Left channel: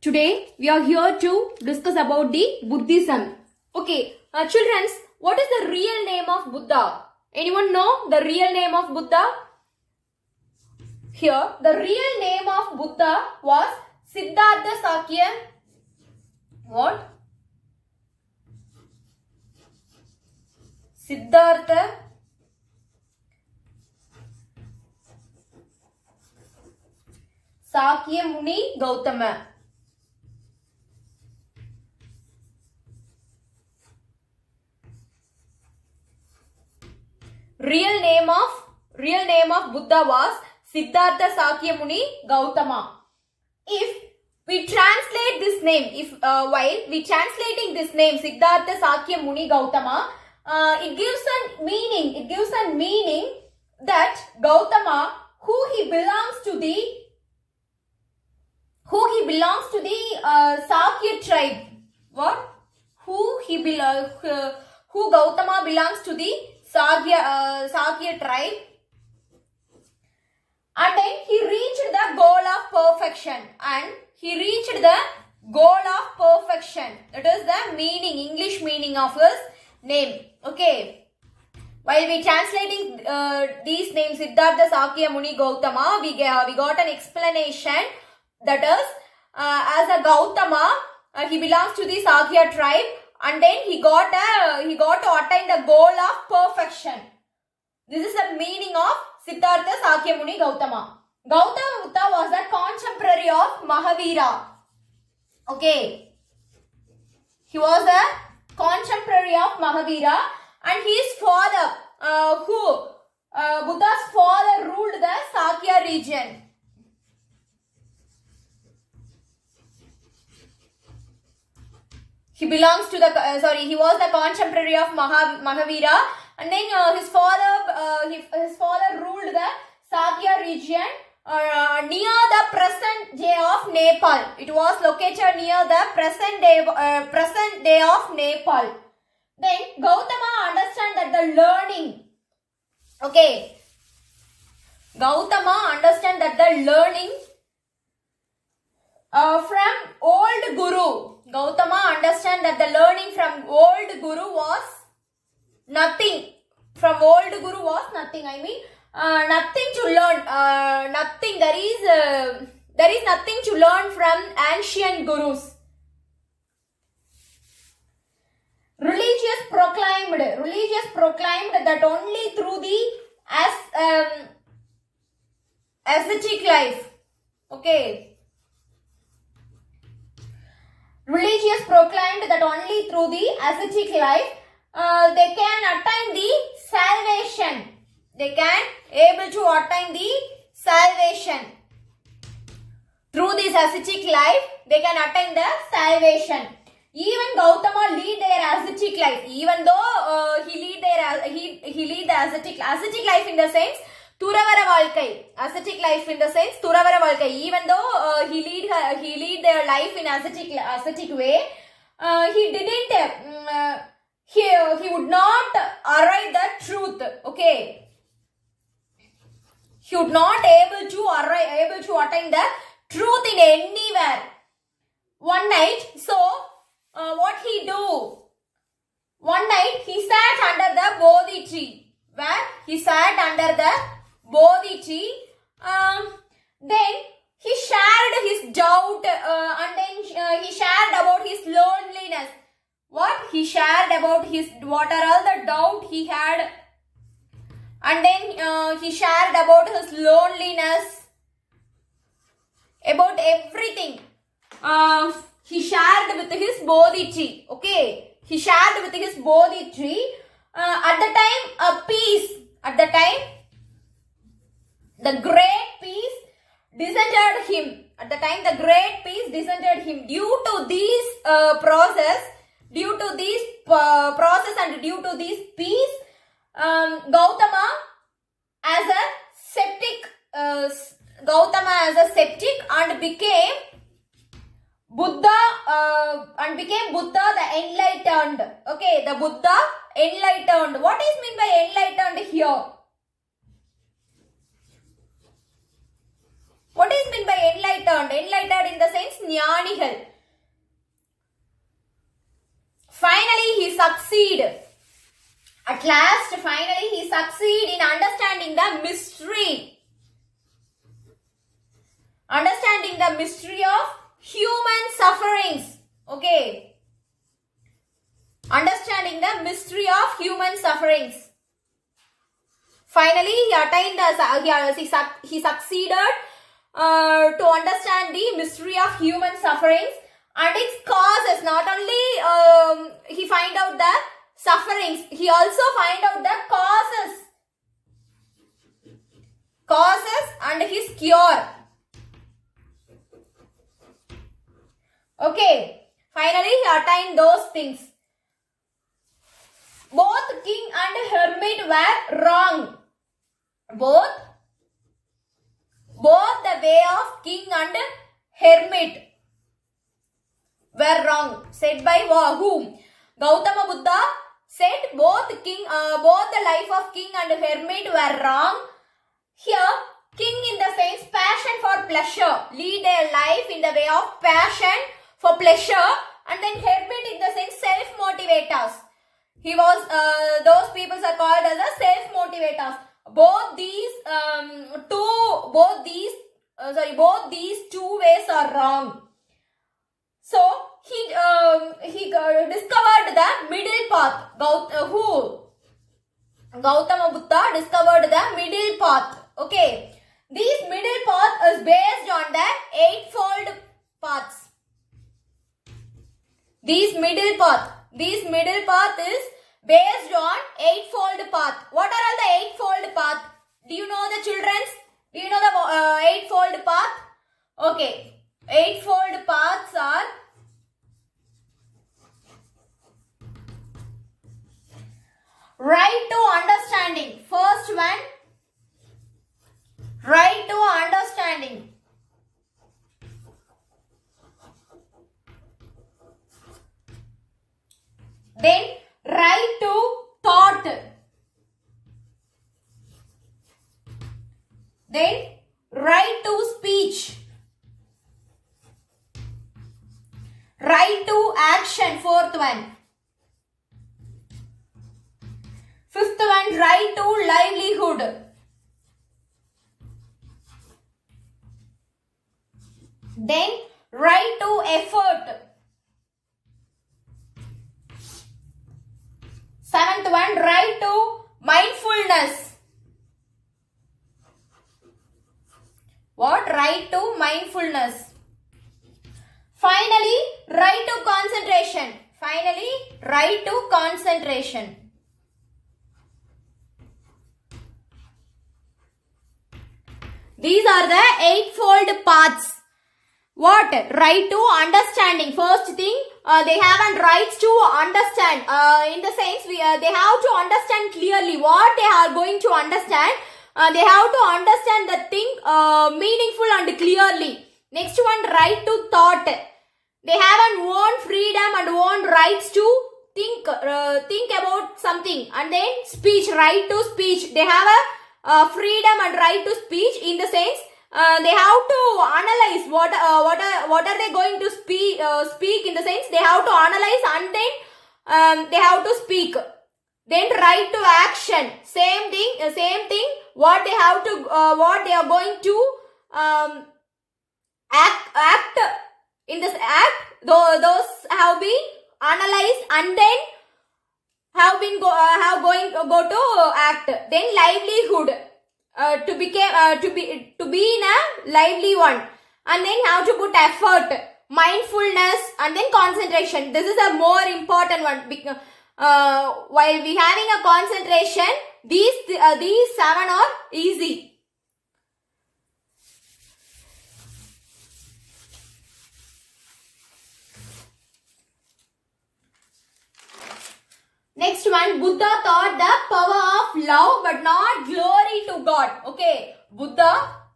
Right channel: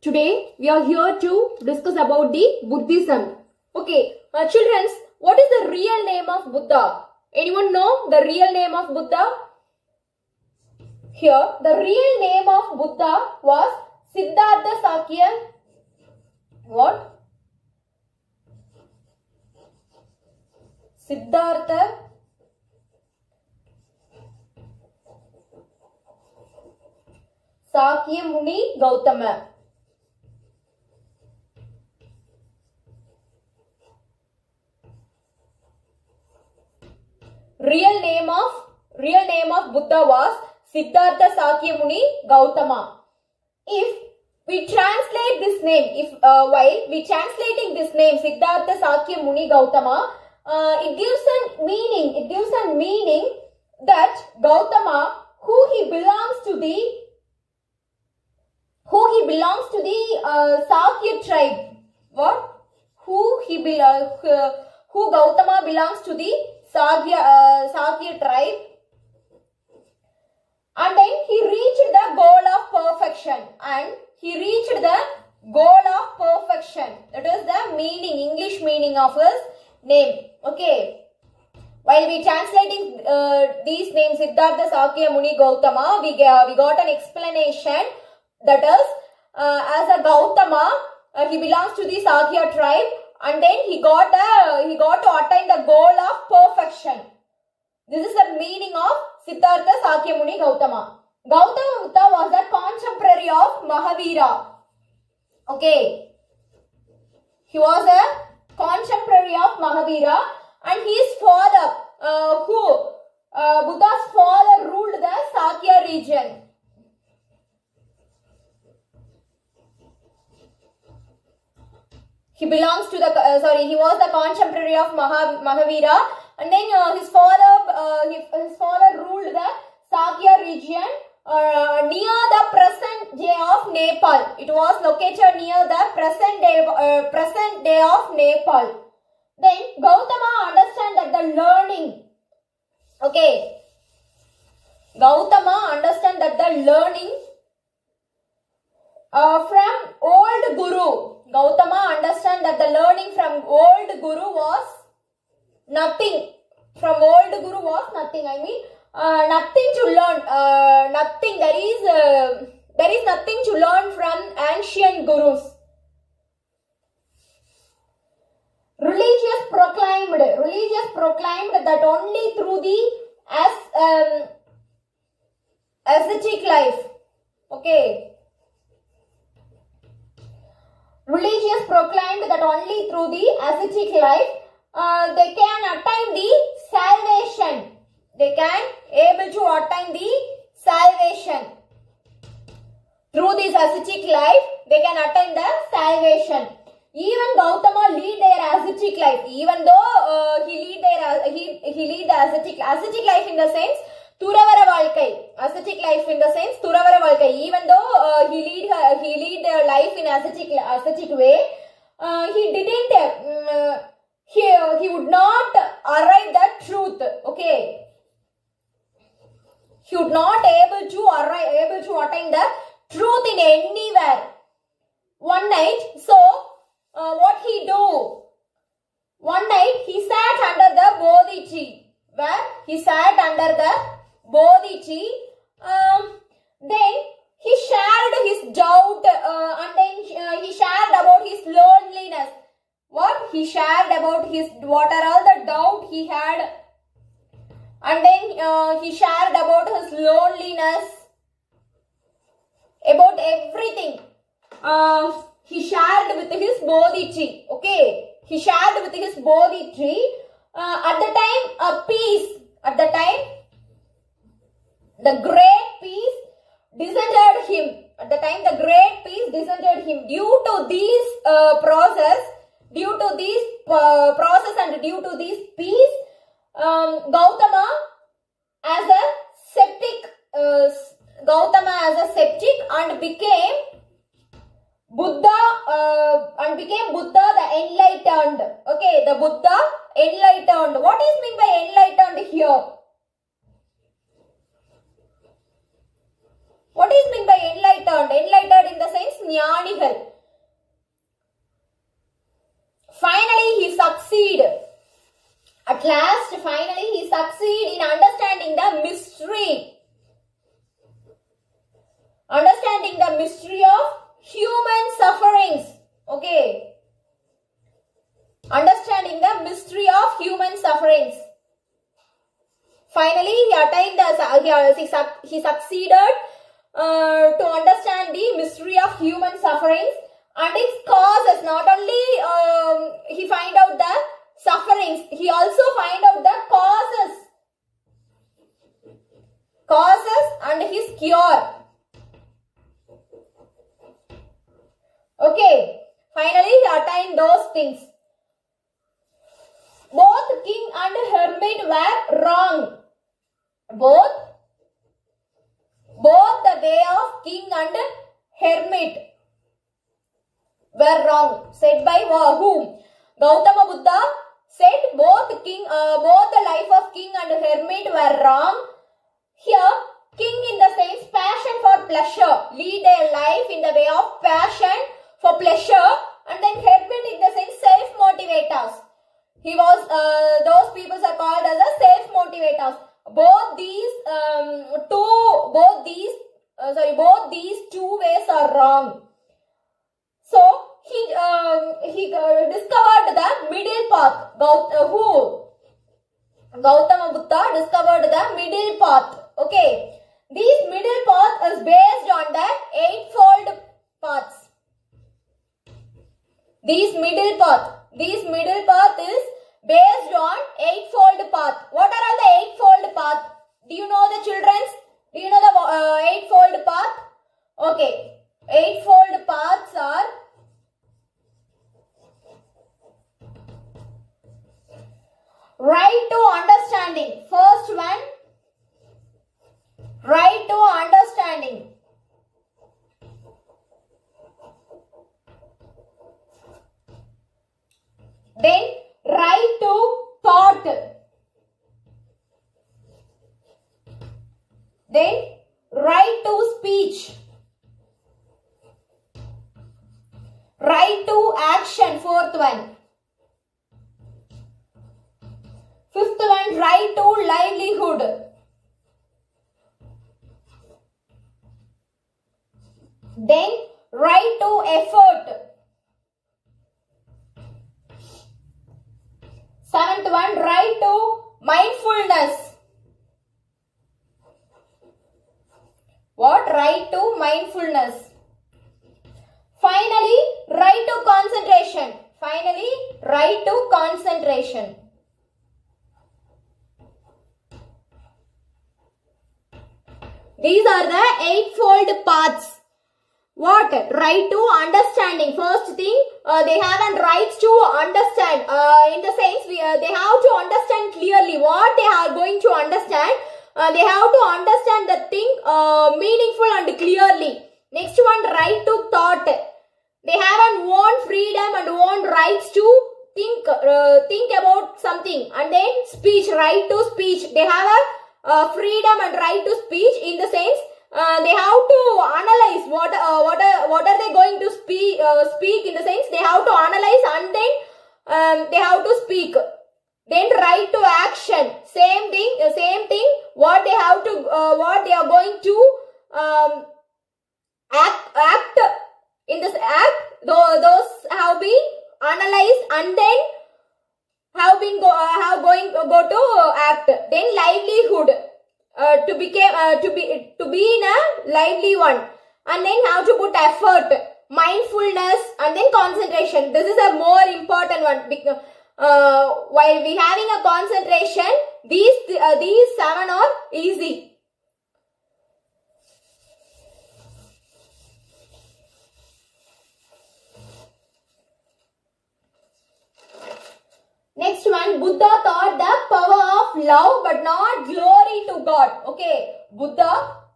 Today we are here to discuss about the Buddhism. Okay, children, what is the real name of Buddha? Anyone know the real name of Buddha? Here, the real name of Buddha was Siddhartha Sakya. What? Siddhartha Sakya Muni Gautama. Real name of Buddha was Siddhartha Sakya Muni Gautama. If we translate this name, while we translating this name Siddhartha Sakya Muni Gautama, it gives a meaning that Gautama, who he belongs to the Sakya tribe. What? Who Gautama belongs to the Sakya tribe, and then he reached the goal of perfection. That is the meaning, English meaning of his name. Okay. While we translating these names Siddhartha Sakya Muni Gautama, we got an explanation. That is, as a Gautama, he belongs to the Sakya tribe, and then he got to attain the goal of perfection. This is the meaning of Siddhartha Sakya Muni Gautama. Gautama Buddha was a contemporary of Mahavira. Okay. He was a contemporary of Mahavira, and his father, Buddha's father ruled the Sakya region. He belongs to the, he was the contemporary of Mahavira, and then his father ruled the Sakya region near the present day of Nepal. It was located near the present day of Nepal. Then Gautama understand that the learning, okay, Gautama understand that the learning from old Guru. Gautama understand that the learning from old Guru was nothing. From old Guru was nothing. I mean, nothing to learn. Nothing. There is nothing to learn from ancient Gurus. Religious proclaimed that only through the ascetic life. Okay. Religious proclaimed that only through the ascetic life they can attain the salvation. They can able to attain the salvation. Through this ascetic life, they can attain the salvation. Even Gautama lead their ascetic life. Even though he lead the ascetic life in the sense Thuravara Valkai. Ascetic life in the sense Thuravara Valkai. Even though he lead their life in ascetic way, he didn't. He would not arrive the truth. Okay. He would not able to attain the truth in anywhere. One night, so what he do? One night he sat under the Bodhi tree. Where he sat under the Bodhi tree. Then he shared his doubt, and then he shared about his loneliness. What? He shared about what are all the doubt he had, and then he shared about his loneliness, about everything. He shared with his Bodhi tree. Okay, he shared with his Bodhi tree. At the time, a peace. At the time, the great peace descended him. At the time, the great peace descended him. Due to this process and due to this peace, Gautama as a septic and became Buddha the enlightened. Okay, the Buddha enlightened. What is meant by enlightened here? What is meant by enlightened? Enlightened in the sense ஞானிகள். Finally, he succeeded. At last, finally, he succeeded in understanding the mystery. Understanding the mystery of human sufferings. Okay. Understanding the mystery of human sufferings. Finally, he attained he succeeded to understand the mystery of human sufferings and its causes. Not only he find out the sufferings, he also find out the causes and his cure. Okay, finally he attained those things. Both king and hermit were wrong. Both the way of king and hermit were wrong. Said by whom? Gautama Buddha said both the life of king and hermit were wrong. Here, king in the sense passion for pleasure, lead their life in the way of passion for pleasure, and then hermit in the sense self-motivators. He was, those people are called as a self-motivators. Both these two ways are wrong. So, he discovered the middle path. Gautama Buddha discovered the middle path. Okay. This middle path is based on the eightfold paths. This middle path is based on eightfold path. What are all the eightfold path? Do you know the children? Do you know the eightfold path? Okay. Eightfold paths are right to understanding. First one, right to understanding. Then right to thought. Then right to speech. Right to action. Fourth one. Fifth one, right to livelihood. Then right to effort. Seventh one, right to mindfulness. What? Right to mindfulness. Finally, right to concentration. Finally, right to concentration. These are the eightfold paths. What? Right to understanding. First thing, they have a right to understand. In the sense, they have to understand clearly what they are going to understand. They have to understand the thing meaningful and clearly. Next one, right to thought. They have an own freedom and own rights to think about something. And then speech, right to speech. They have a freedom and right to speech in the sense they have to analyze what are they going to speak in the sense they have to analyze and then they have to speak. Then right to action, same thing what they have to what they are going to act in this act. Those have been analyzed and then have going to go to act. Then livelihood, to be in a lively one, and then how to put effort, mindfulness, and then concentration. This is a more important one. While we having a concentration, these seven are easy. Next one, Buddha taught the power of love but not glory to God. Okay, Buddha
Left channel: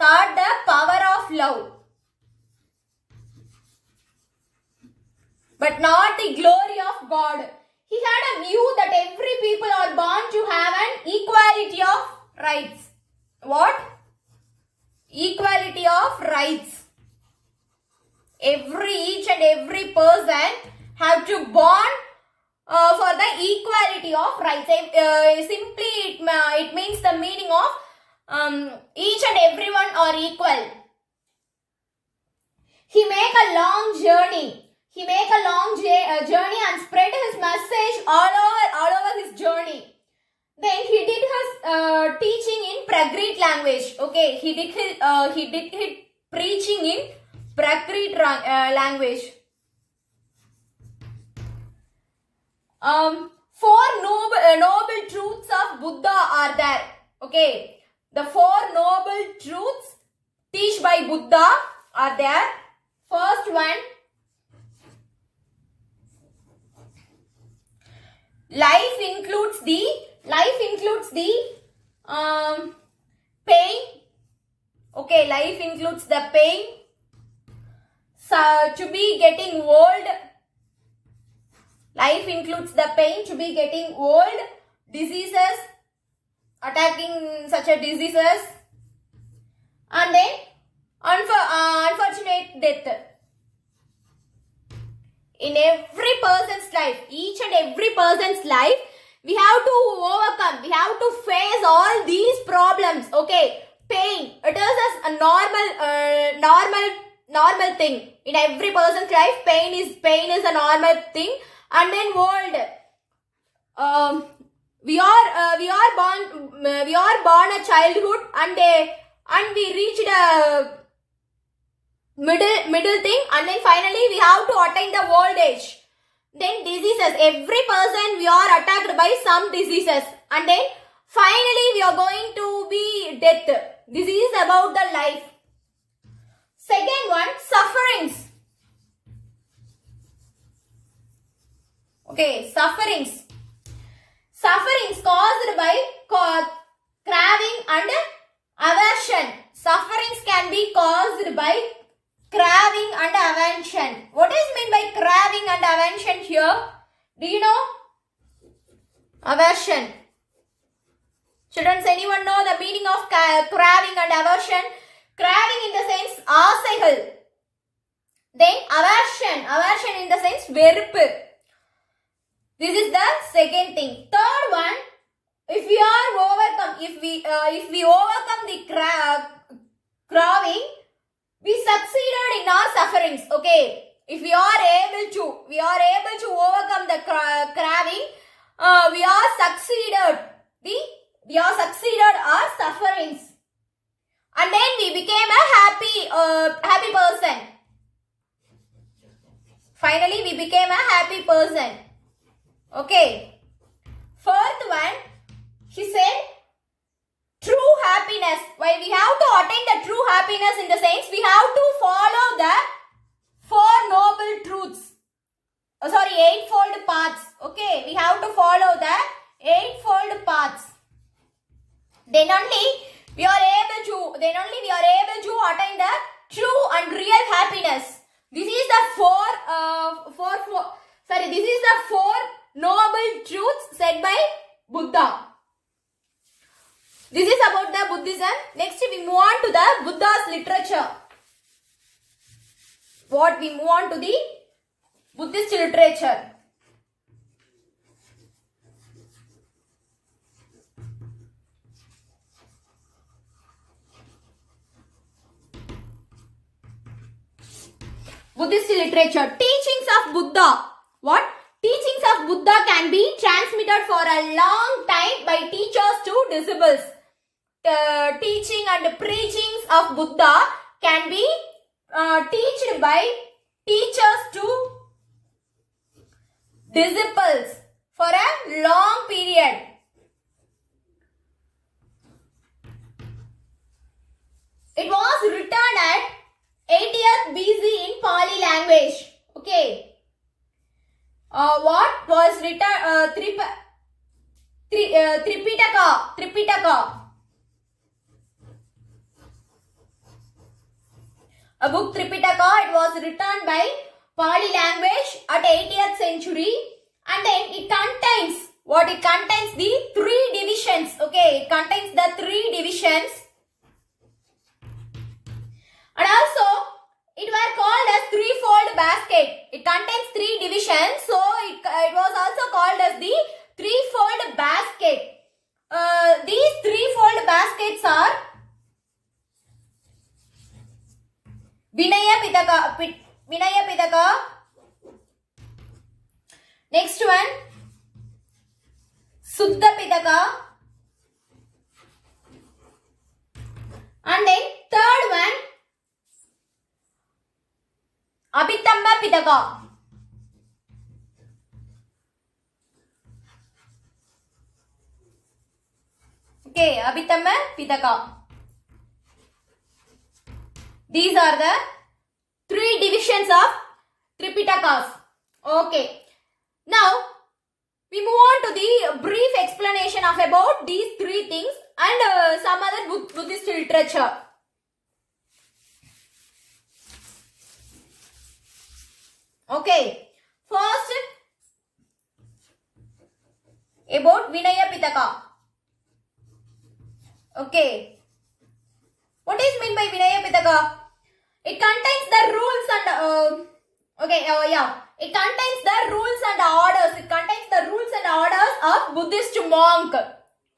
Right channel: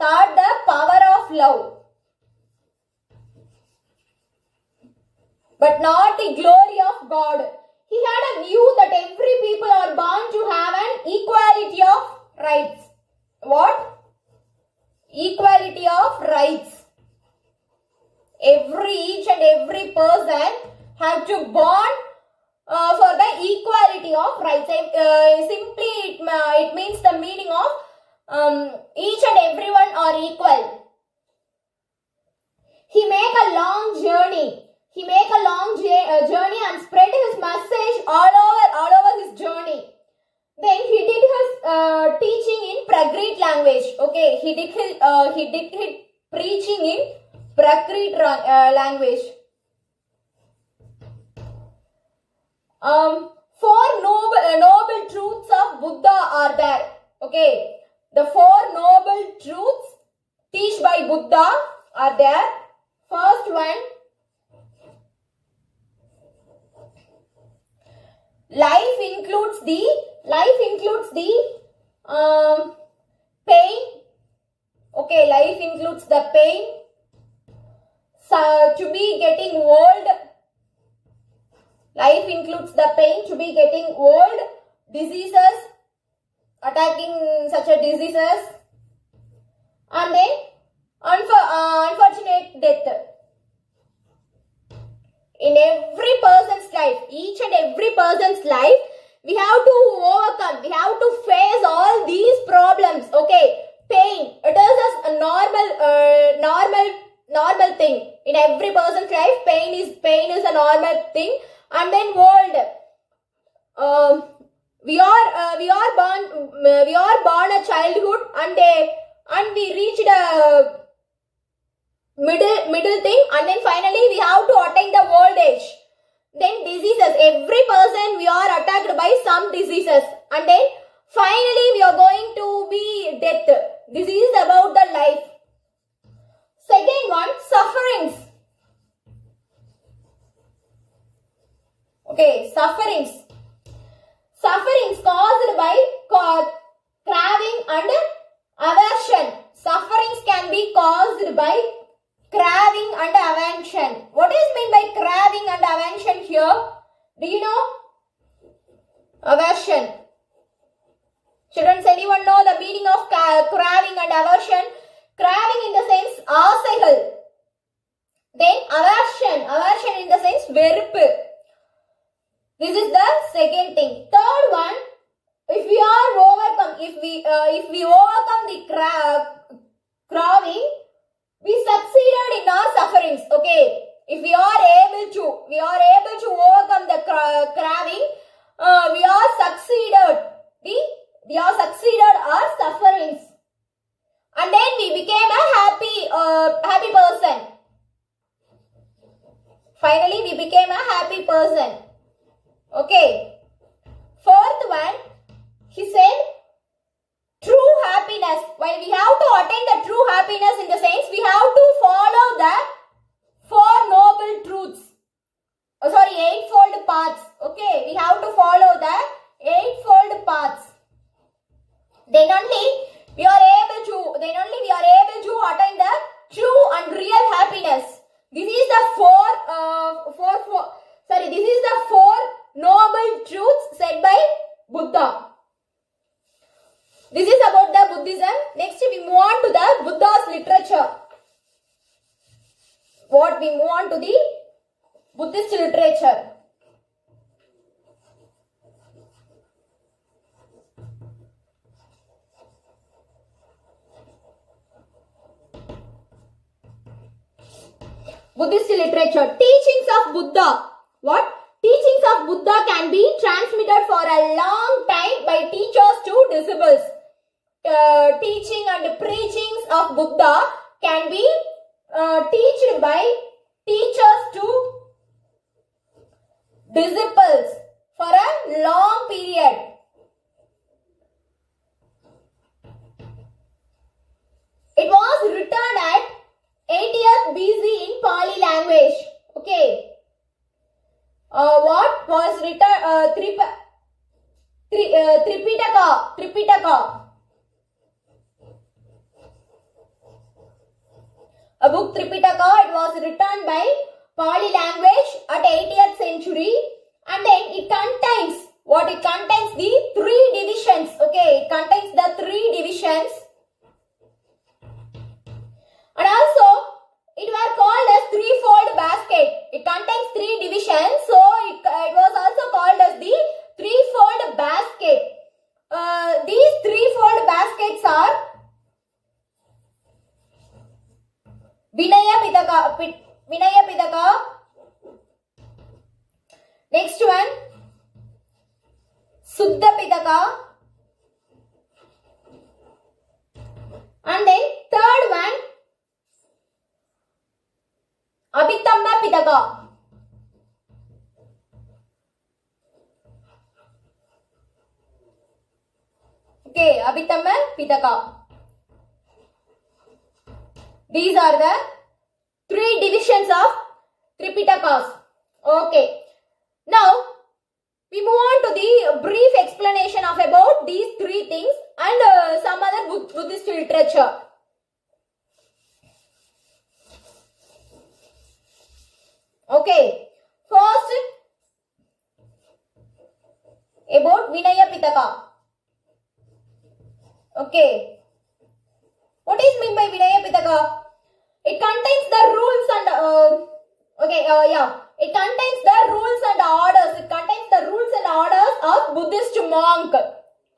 taught the power of love but not the glory of God. He had a view that every people are born to have an equality of rights. What? Equality of rights. Each and every person have to bond for the equality of rights. Simply it means the meaning of each and everyone are equal. He make a long journey. He make a long journey and spread his message all over his journey. Then he did his teaching in Prakrit language. Okay, he did his preaching in Prakrit language. Four noble truths of Buddha are there. Okay, the four noble truths taught by Buddha are there. First one, life includes the pain. Okay, life includes the pain. So to be getting old. Life includes the pain to be getting old, diseases, attacking such a diseases, and then unfortunate death. In every person's life, each and every person's life, we have to overcome, we have to face all these problems. Okay, pain, it is a normal thing. In every person's life, pain is a normal thing. And then old. We are born a childhood and we reached a middle thing, and then finally we have to attain the old age. Then diseases. Every person we are attacked by some diseases, and then finally we are going to be death. This is about the life. Second one, sufferings. Okay, sufferings. Sufferings caused by craving and aversion. Sufferings can be caused by craving and aversion. What is meant by craving and aversion here? Do you know? Aversion. Children, anyone know the meaning of craving and aversion? Craving in the sense ஆசைகள். Then aversion in the sense வெறுப்பு. This is the second thing. Third one, if we overcome the craving, we succeeded in our sufferings. Okay, if we are able to overcome the craving, we are succeeded our sufferings, and then we became a happy person. Finally, we became a happy person. Okay. Fourth one, he said true happiness. While we have to attain the true happiness in the sense, we have to follow the four noble truths. Eightfold paths. Okay, we have to follow the eightfold paths. Then only we are able to attain the true and real happiness. This is the four noble truths said by Buddha. This is about the Buddhism. Next we move on to the Buddha's literature. We move on to the Buddhist literature. Buddhist literature. Teachings of Buddha. What? Teachings of Buddha can be transmitted for a long time by teachers to disciples. Teaching and preachings of Buddha can be taught by teachers to disciples for a long period. It was written at 80th BC in Pali language. Okay. What was written? Tripitaka. A book Tripitaka. It was written by Pali language at 80th century, and then it contains what? It contains the three divisions. Okay, it contains the three divisions, and also it were called as three Vinaya Pitaka. Next one, Suddha Pitaka. And then third one, Abhitamba Pitaka. Okay, Abhitamba Pitaka. These are the 3 divisions of Tripitakas. Okay. Now, we move on to the brief explanation of about these 3 things and some other Buddhist literature. Okay. First, about Vinaya Pitaka. Okay. What is meant by Vinaya Pitaka? It contains the rules and it contains the rules and orders. It contains the rules and orders of Buddhist monk.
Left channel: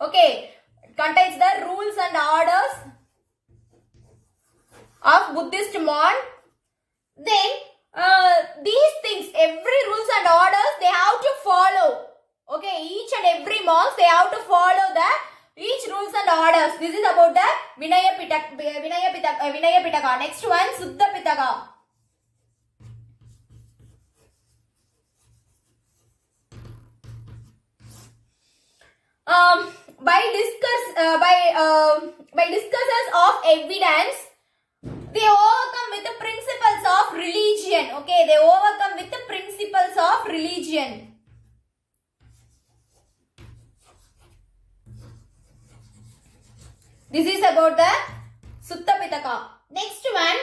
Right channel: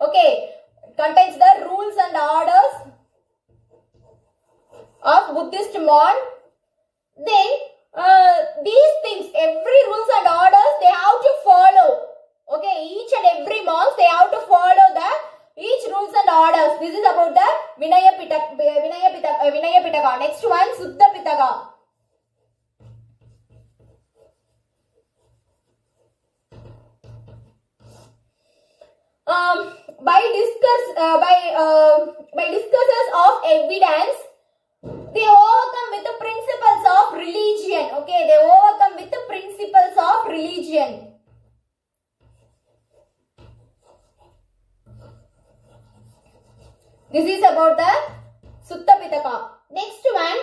Okay. It contains the rules and orders of Buddhist monk. Then these things, every rules and orders, they have to follow. Okay. Each and every monk, they have to follow each rules and orders. This is about the Vinaya Pitaka. Next one, Suddha Pitaka. By discussions of evidence, they overcome with the principles of religion. Okay, they overcome with the principles of religion. This is about the Suddha Pitaka. Next one,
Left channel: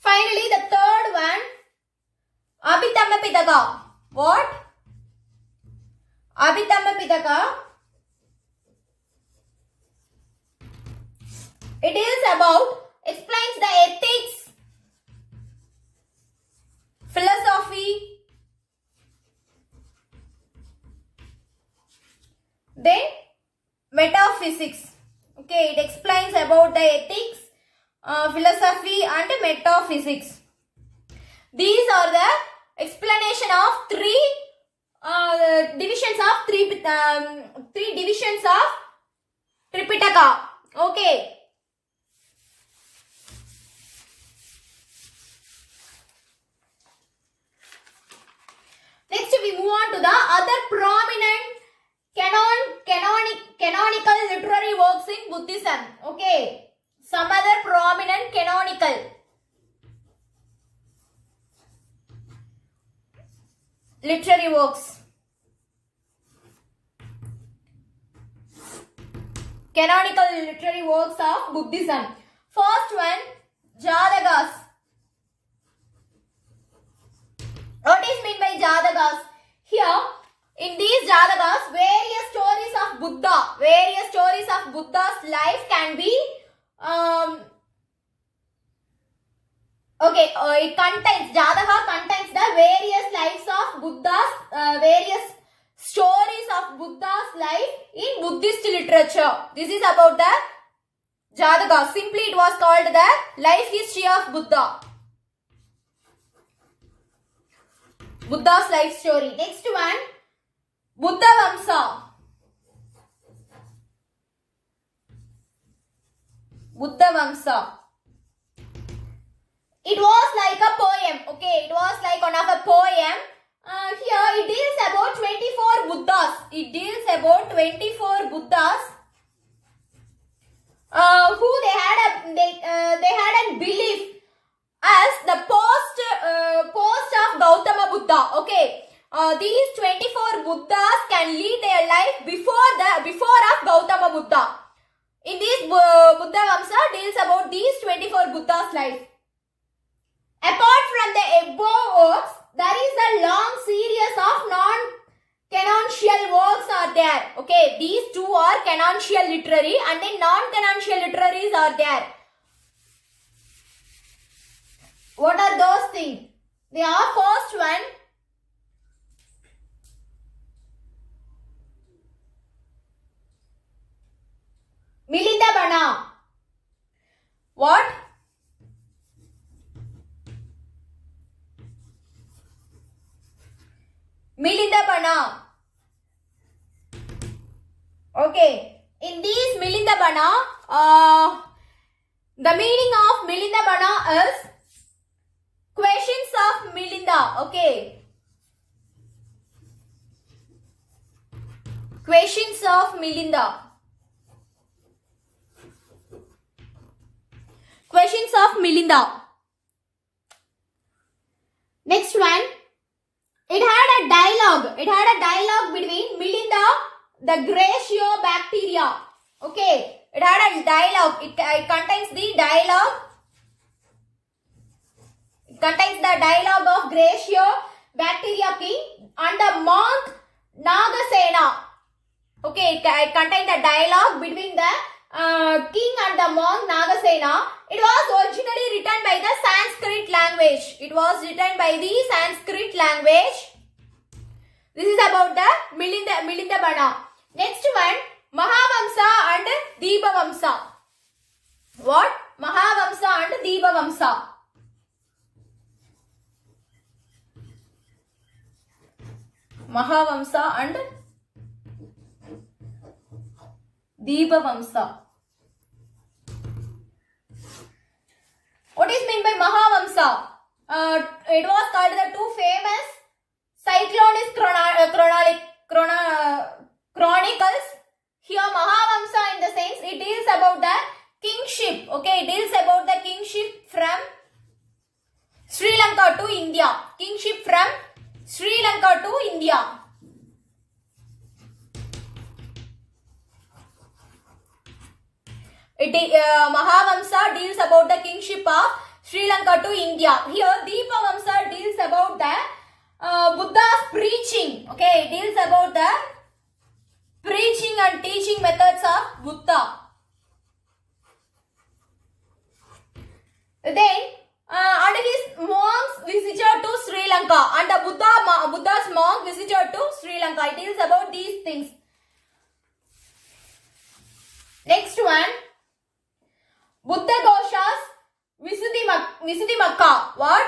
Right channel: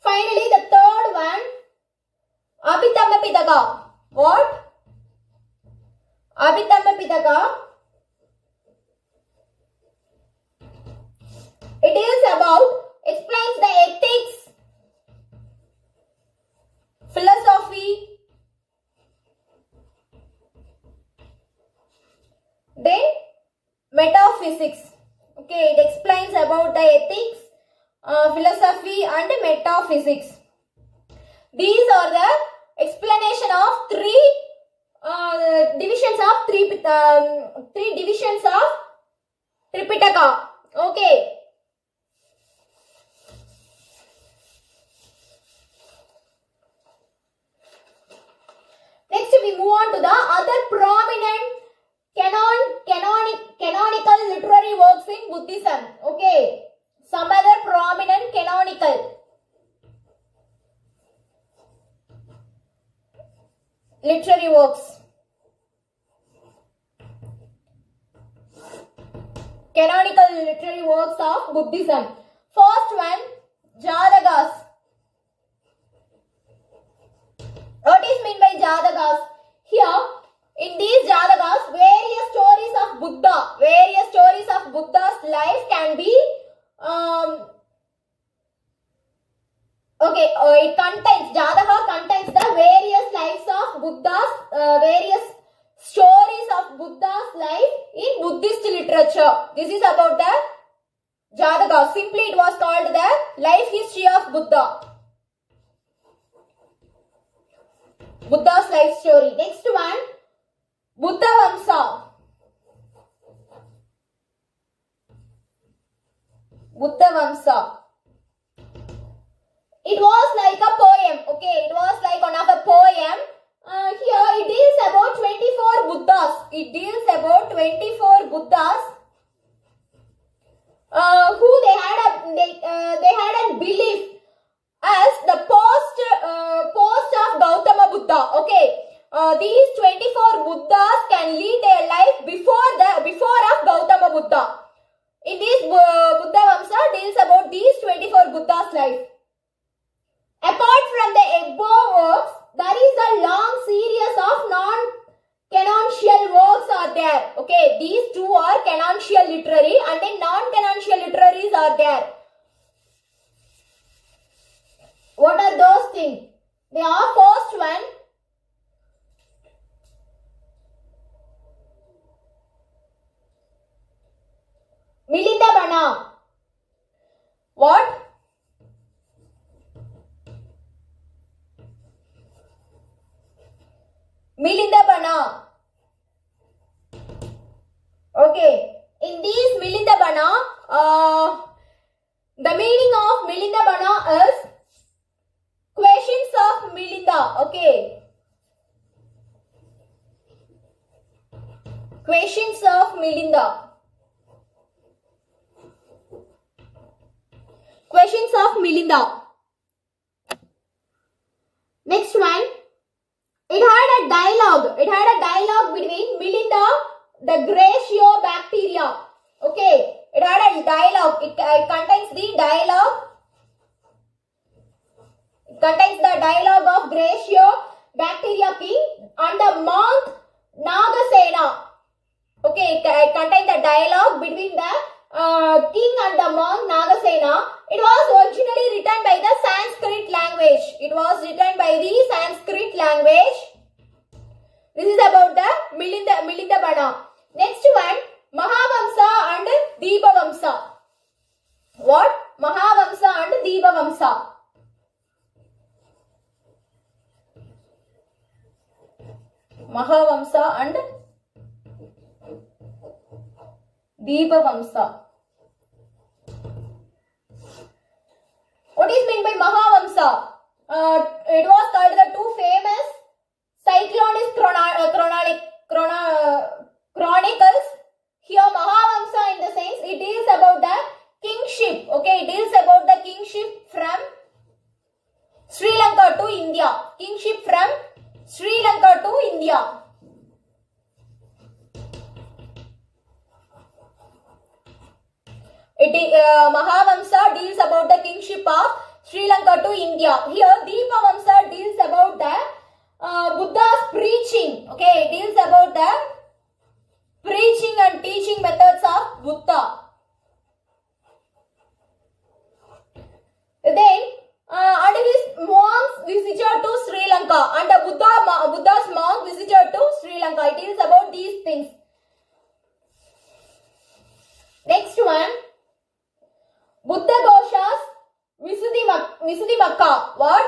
finally the third one, Abhitamba Pitaka. What? Abhitamba Pitaka. It is about, explains the ethics, philosophy, then metaphysics. Okay, it explains about the ethics, philosophy and metaphysics. These are the explanation of three divisions of Tripitaka. Okay. Next we move on to the other prominent canonical literary works in Buddhism. Okay. Some other prominent canonical literary works. Canonical literary works of Buddhism. First one, Jatakas. What is meant by Jatakas? Here, in these Jatakas, various stories of Buddha's life can be it contains, Jataka contains the various lives of Buddha's, various stories of Buddha's life in Buddhist literature. This is about the Jataka. Simply it was called the life history of Buddha. Buddha's life story. Next one, Buddha Vamsa. Buddha Vamsa. It was like a poem. Okay, it was like one of a poem. Here it deals about 24 Buddhas. It deals about 24 Buddhas who they had a belief as the post of Gautama Buddha. Okay, these 24 Buddhas can lead their life before of Gautama Buddha. In this Buddha Vamsa deals about these 24 Buddhas' life. Apart from the above works, there is a long series of non-canonical works are there. Okay, these two are canonical literary and then non-canonical literaries are there. What are those things? They are first one, Milinda Bana. What? Milindabana. Okay, in these Milindabana, the meaning of Milindabana is questions of Milinda. Okay, questions of Milinda. Questions of Milinda. Next one. It had a dialogue. It had a dialogue between Milinda, the Graciobacteria. Okay. It had a dialogue. It contains the dialogue. It contains the dialogue of Graciobacteria king and the monk Nagasena. Okay. It contains the dialogue between the king and the monk Nagasena. It was originally written by the Sanskrit language. It was written by the Sanskrit language. This is about the Milindabana. Next one, Mahavamsa and Deepavamsa. What? Mahavamsa and Deepavamsa. Mahavamsa and Deepavamsa. What is meant by Mahavamsa? It was called the two famous Cyclonist Chronicles. Here Mahavamsa in the sense it deals about the kingship. Okay, it deals about the kingship from Sri Lanka to India. Kingship from Sri Lanka to India. Mahavamsa deals about the kingship of Sri Lanka to India. Here Deepavamsa deals about the Buddha's preaching. Okay, it deals about the preaching and teaching methods of Buddha. Then and his monks visited to Sri Lanka and the Buddha's monk visited to Sri Lanka. It deals about these things. Next one. Buddha Ghoshas Visuddhimagga. What?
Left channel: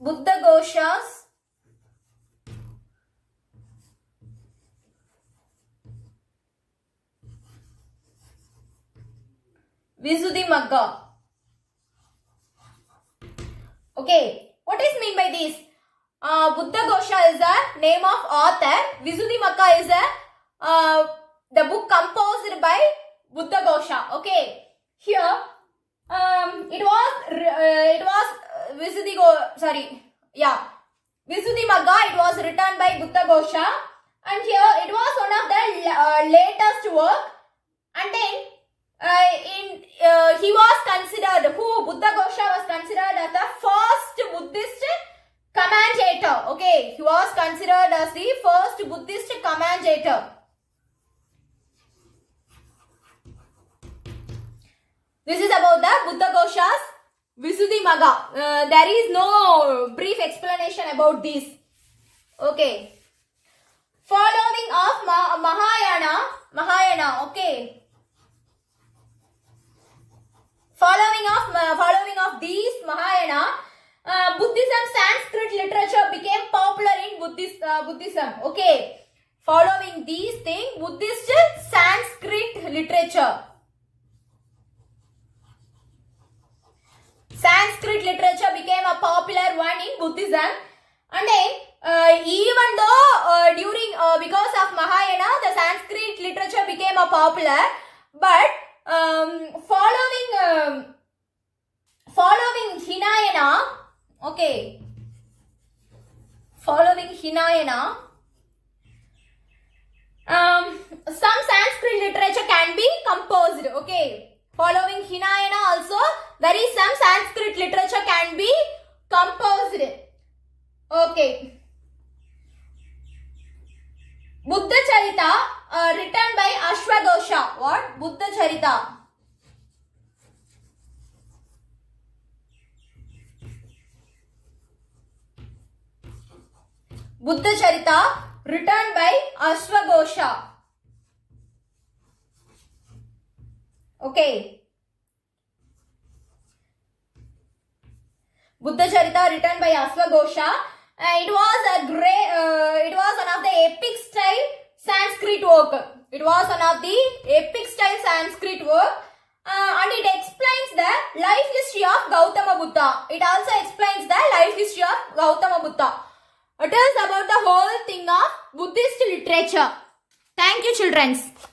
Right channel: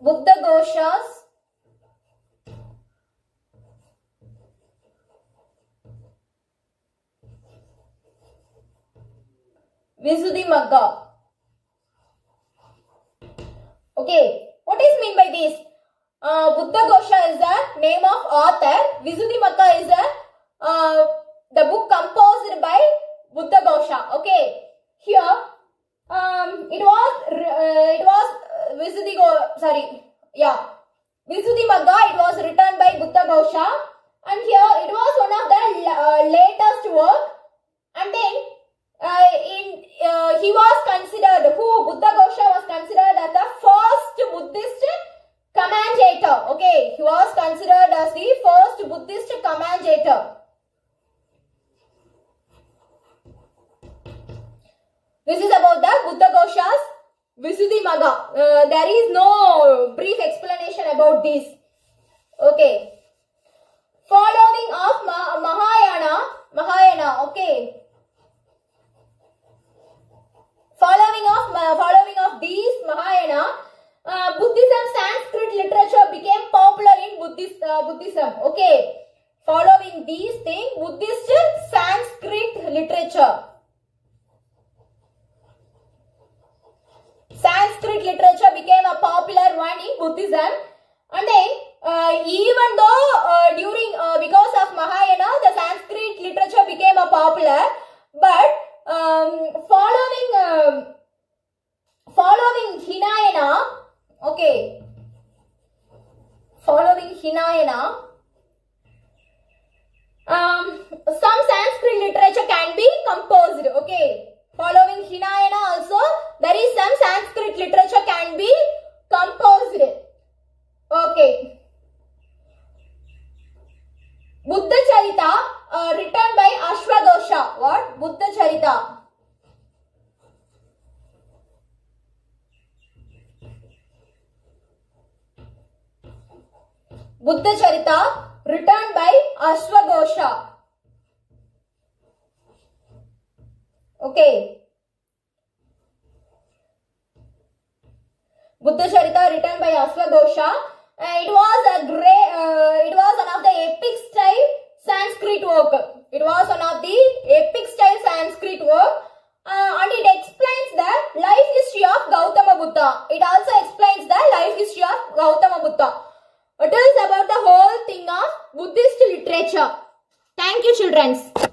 Buddha Ghoshas Visuddhimagga. Okay, what is mean by this? Buddha Ghosha is the name of author. Visuddhimagga is the book composed by Buddha Ghosha. Okay, here it was Visuddhimagga. It was written by Buddha Ghosha, and here it was one of the latest work. And then he was considered, Buddha Ghosha was considered as the first Buddhist commentator. Okay, he was considered as the first Buddhist commentator. This is about the Buddha Ghosha's Visuddhimagga. There is no brief explanation about this. Okay. Following of Mahayana. Okay. Following of these Mahayana, Buddhism Sanskrit literature became popular in Buddhism. Okay. Following these things, Buddhist Sanskrit literature. Sanskrit literature became a popular one in Buddhism, and then even though because of Mahayana the Sanskrit literature became a popular, but following Hinayana, okay, following Hinayana, some Sanskrit literature can be composed. Okay. Following Hinayana also, there is some Sanskrit literature can be composed. Okay. Buddha Charita written by Ashwagosha. What? Buddha Charita. Buddha Charita written by Ashwagosha. Okay. Buddha Charita written by Asvaghosha. It was one of the epic style Sanskrit work. It was one of the epic style Sanskrit work. And it explains the life history of Gautama Buddha. It also explains the life history of Gautama Buddha. It is about the whole thing of Buddhist literature. Thank you, children.